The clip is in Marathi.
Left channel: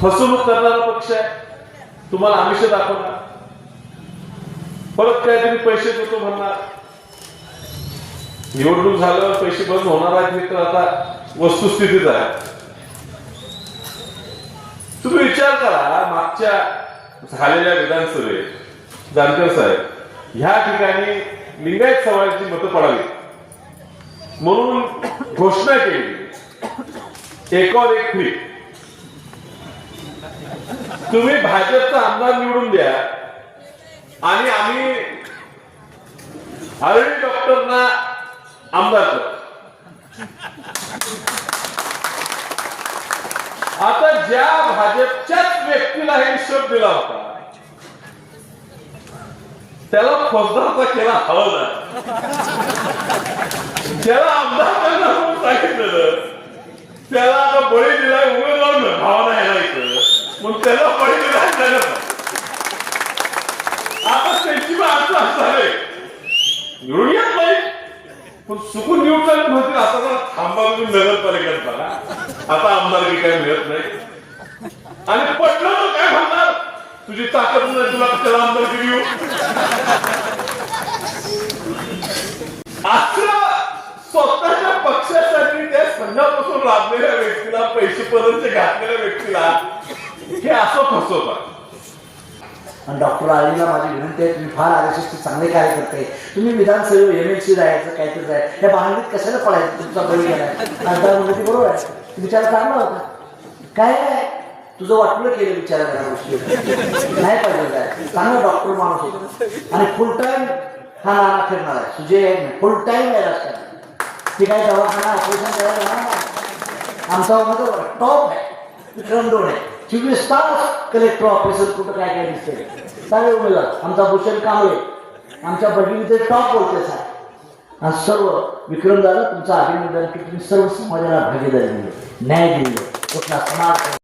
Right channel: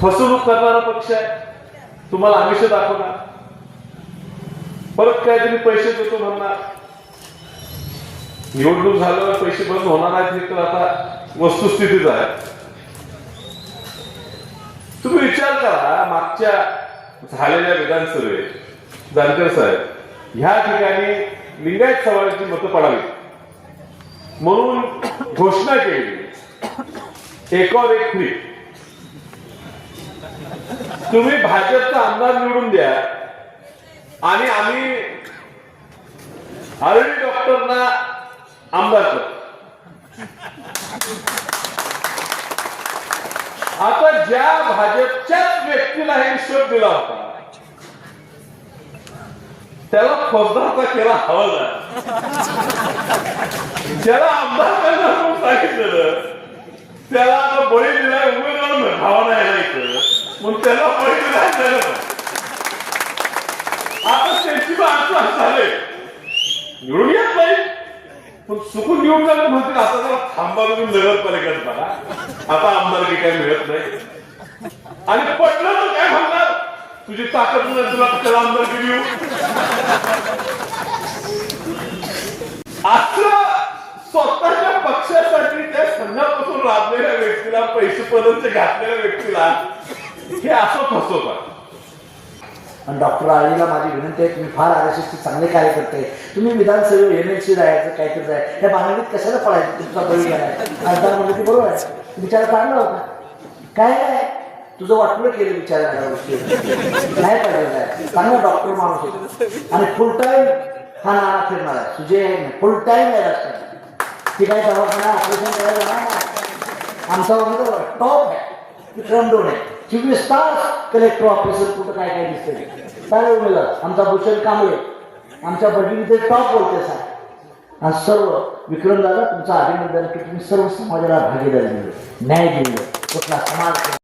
फसवणूक करणारा पक्ष आहे, तुम्हाला आमिष दाखवणार, परत काहीतरी पैसे देतो म्हणणार. निवडणूक झाल्यावर पैसे बंद होणार आहेत हे तर आता वस्तुस्थितीच आहे. तुम्ही विचार करा, मागच्या झालेल्या विधानसभेत जानकर साहेब ह्या ठिकाणी लिंगायत समाजाची मतं पडावी म्हणून घोषणा केली, एकावर एक फ्री. तुम्ही भाजपचा आमदार निवडून द्या आणि आम्ही आरडी डॉक्टरना आमदार करतो. आता ज्या भाजपच्याच व्यक्तीला हे हिशोब दिला होता त्याला फौजदारचा केला हवालदार, ज्याला आमदार करणार म्हणून सांगितलेलं त्याला आता बळी दिलाय उमेदवार भावाना यायला इथं म्हणून त्याला बळी दिला. आता त्यांची अडचण झाले, निवडून येत नाही पण चुकून निवडून जायला म्हणतील आता जरा थांबा तुम्ही नगरपालिकेत बघा, आता आमदारकी काही मिळत नाही. आणि पटलं तर काय म्हणणार, तुझी ताकद नाही तुला कशाला आमदारकी देऊ. असं स्वतःच्या पक्षासाठी त्या संघापासून राबलेल्या व्यक्तीला, पैसे पर्यंत घातलेल्या व्यक्तीला हे असं फसवतात. आणि डॉक्टर आळीला माझी विनंती आहे, तुम्ही फार RSSचे चांगले कार्य करते, तुम्ही विधानसभेवर MLC जायचं काहीतरी जायचं, त्या बांगडीत कशाला पडायचं, तुमचा बळी गेलाय खासदार म्हणजे ती बरोबर आहे, विचार काढला होता काय नाही, तुझं वाटलं केलं विचारायला गोष्टी नाही पाहिजे जाय. चांगला डॉक्टर माणूस होतो आणि फुल टाइम हा नाना फिरणार आहे, तुझे फुल टाइम आहे राजकारणात. ती काही दवाखाना ऑपरेशन करायला जाणार नाही. आमचा उमेदवार टॉप आहे, विक्रम डोणे 24 तास कलेक्टर ऑफिसर कुठं काय काय दिसतंय. चांगले उमेदवार आमचा भूषण कांबळे, आमच्या बडीमध्ये टॉप बोलते साहेब. आणि सर्व विक्रमदादा तुमचं अभिनंदन की तुम्ही सर्व समाजाला भागीदारी दिली, न्याय दिलं, कुठला समाज